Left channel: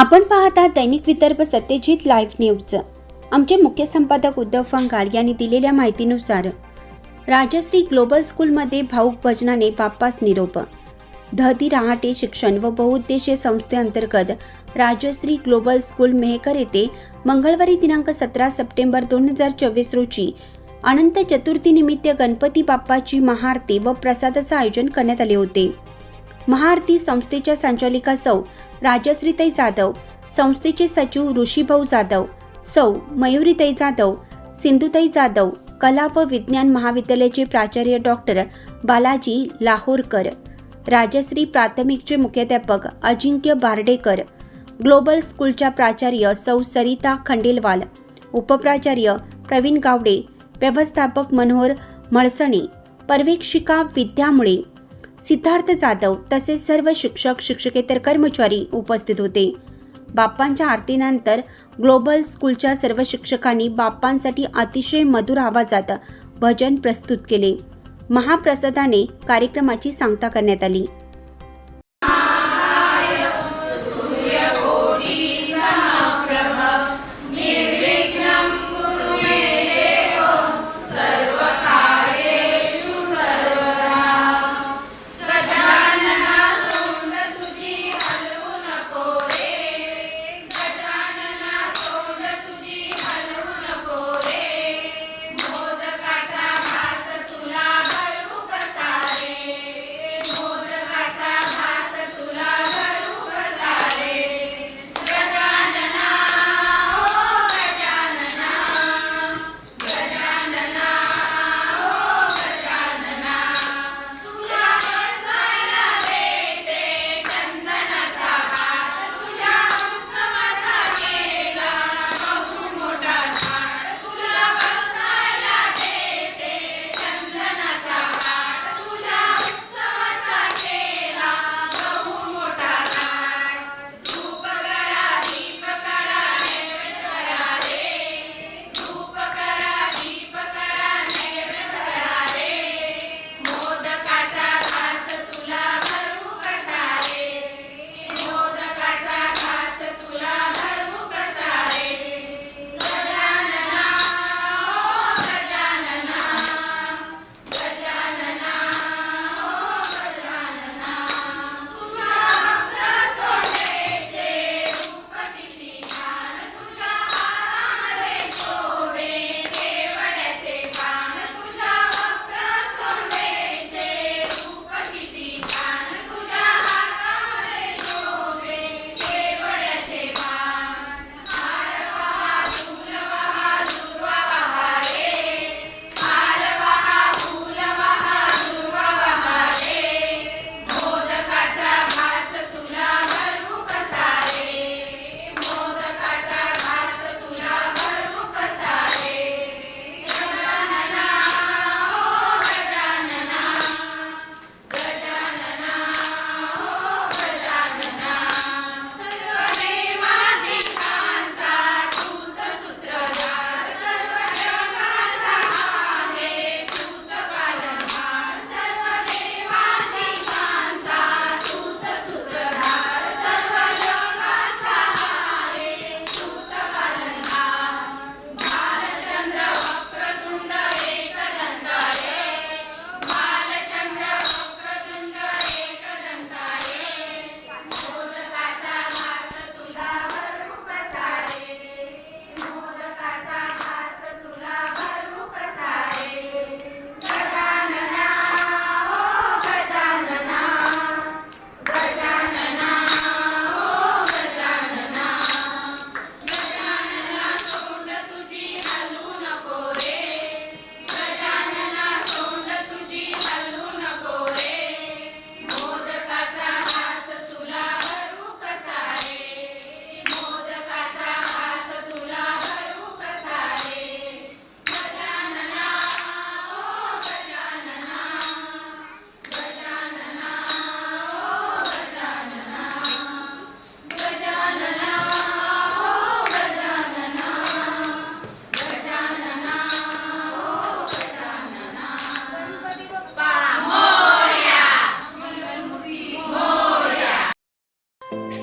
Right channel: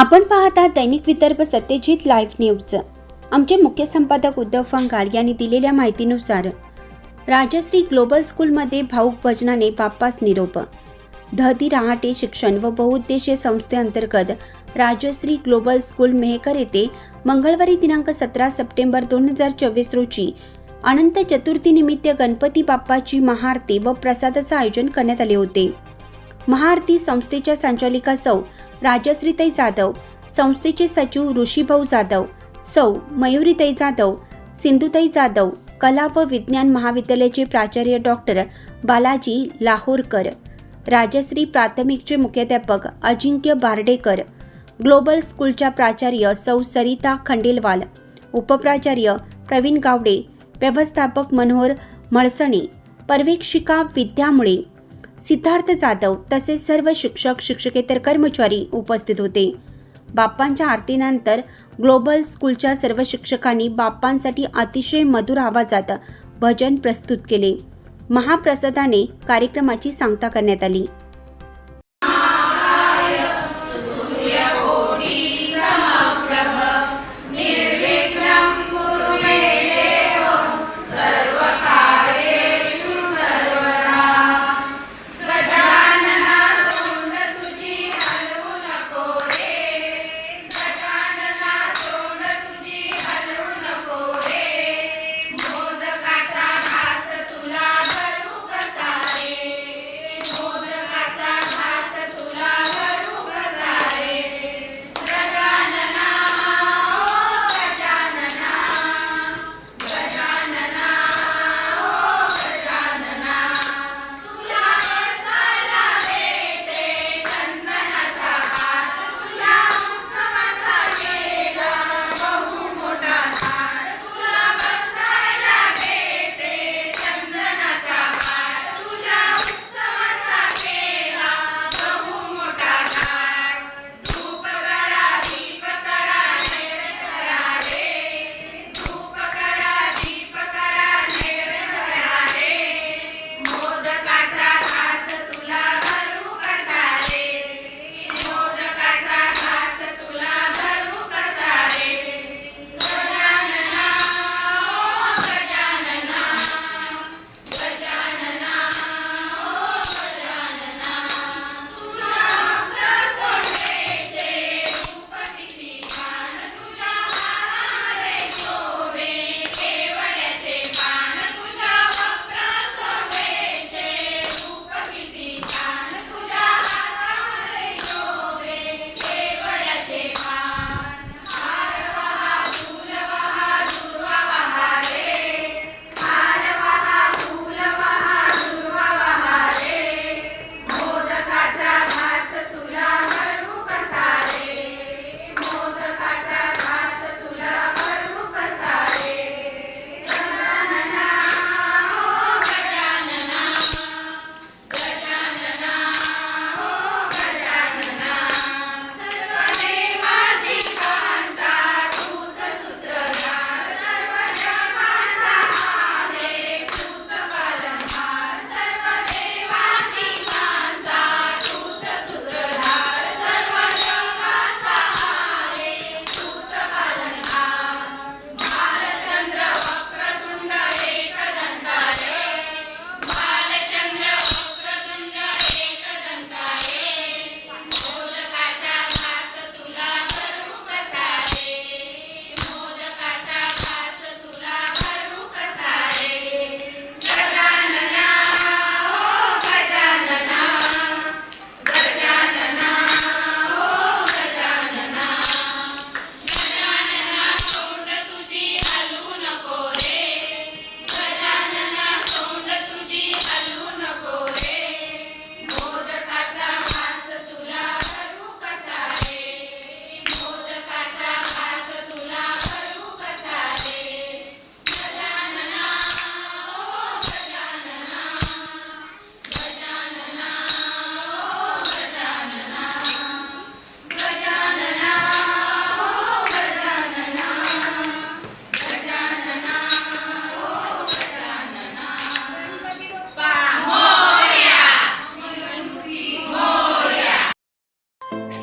आपण पाहता दैनिक Vidarbha Satyajit live news आमचे मुख्य संपादक उद्धव फंगार यांनी दिलेल्या माहितीनुसार राजश्री ग्लोबल स्कूलमध्ये भाऊक भजनाने बाप्पास निरोप. धहती रहाटे शिक्षण व बहुउद्देशीय संस्थेअंतर्गत राजश्री ग्लोबल स्कूल मेहकर येथे मंगळवारी दिनांक सतरा सप्टेंबर दोन हजार चोवीस रोजी अनंत चतुर्थीनिमित्त गणपती बाप्पाची महाआरती व प्रसादाचं आयोजन करण्यात आले होते. महाआरती संस्थेच्या संचालिका सौ राजश्रीताई जाधव संस्थेचे सचिव ऋषीभाऊ जाधव सौ मयुरीताई जाधव सिंधुताई जाधव कला व विज्ञान महाविद्यालयाचे प्राचार्य डॉक्टर बालाजी लाहोरकर राजश्री प्राथमिकचे मुख्याध्यापक अजिंक्य बारडेकर ग्लोबल स्कूलच्या प्राचार्य सौ सरिता खंडेलवाल उपप्राचार्य प्रवीण गावडे व्यवस्थापक मनोहर मळसणे पर्यवेक्षिका विद्यामुळे सिद्धार्थ जाधव तसेच सर्व शिक्षक शिक्षकेतर कर्मचारी उपस्थित होते. बाप्पांच्या आरतीनंतर ग्लोबल स्कूलच्या सर्व शिक्षकांनी बाप्पांसाठी अतिशय मधुर आवाजात भजन प्रस्तुत केले. महाप्रसादाने कार्यक्रमाची सांगता करण्यात आली.